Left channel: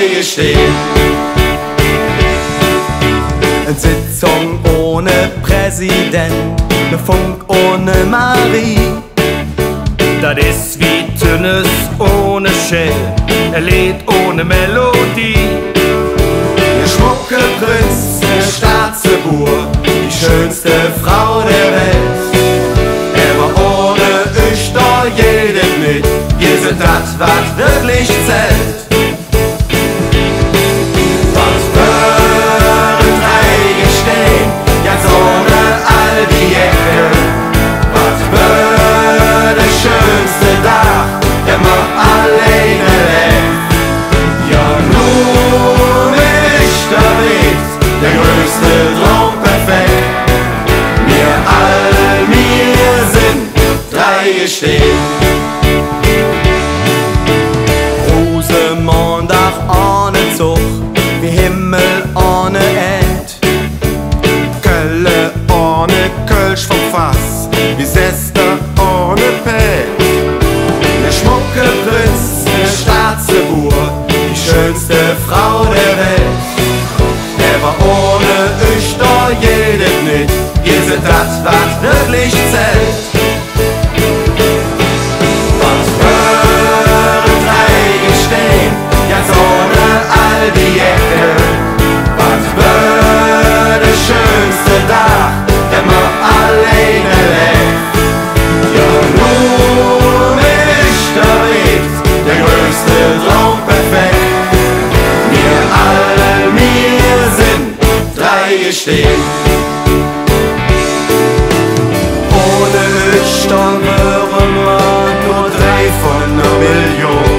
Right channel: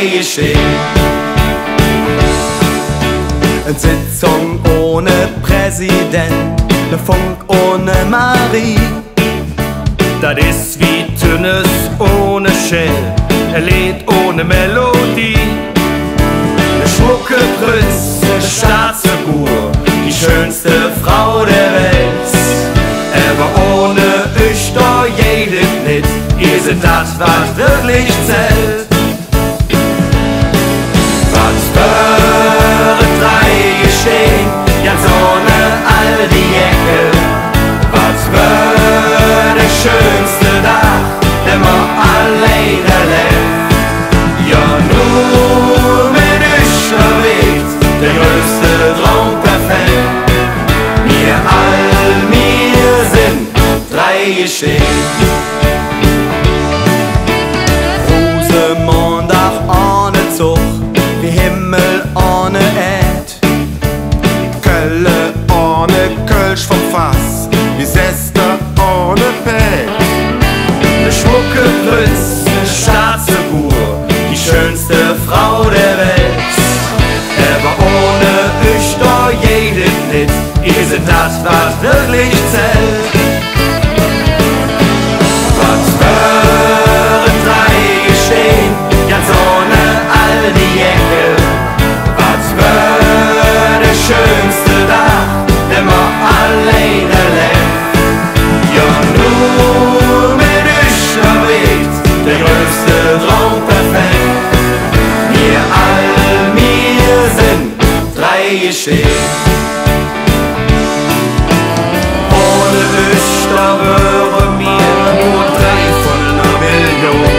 drei stehen. Eine Sitzung ohne Präsident, ne Funk ohne Marie. Das ist wie Tünnes ohne Shell, ein Lied ohne Melodie. Ne schmucke Prinz, ne Staatsfigur, die schönste Frau der Welt. Aber ohne ich da jedet mit, ihr seid das, was wirklich zählt. Was für drei stehen, ganz ohne all die Ecke. Was für der schönste Tag, der man alleine lebt. Ja, nur mit ich da weht, der größte Traum perfekt. Wir sind drei stehen. Rosenmontag ohne Zug, wie Himmel ohne Erd. Kölle ohne Kölsch vom Fass, wie Sester ohne Pet. Ne schmucke Prinz, ne Staatsfigur, die schönste Frau der Welt. Aber ohne ich da jedet mit, ihr seid das, was wirklich zählt. Was für drei stehen, ganz ohne all die Ecke. Was für der schönste Tag, der man alleine lebt. Ja, nur mit ich da weht, der größte Traum perfekt. Wir sind drei stehen. Ohne ich da wären wir nur drei von einer Million.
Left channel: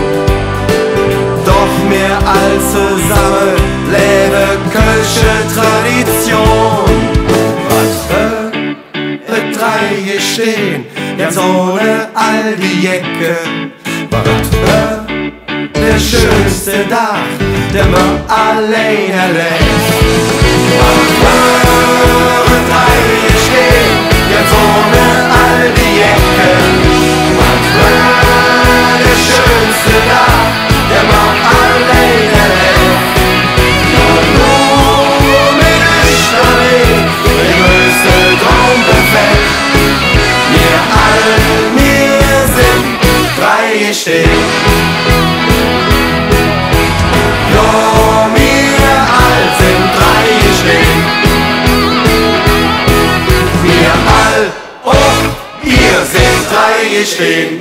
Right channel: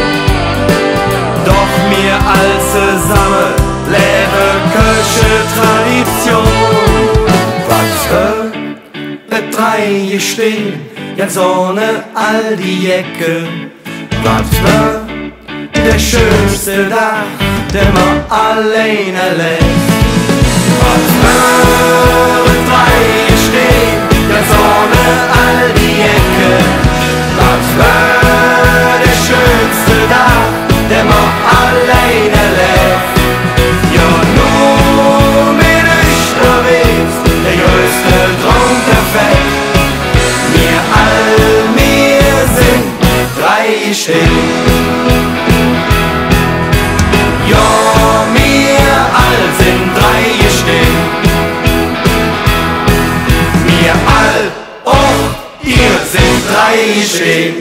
Doch mehr als zusammen lebe kölsche Tradition. Was für drei stehen, ganz ohne all die Ecke. Was für der schönste Tag, der man alleine lebt. Was für drei stehen, ganz ohne all die Ecke. Was für der schönste Tag, der man alleine lebt. Ja, nur mit ich da lebt, der größte Traum perfekt. Wir sind drei stehen. Ja, wir all sind drei stehen. Wir all, oh, ihr sind drei stehen.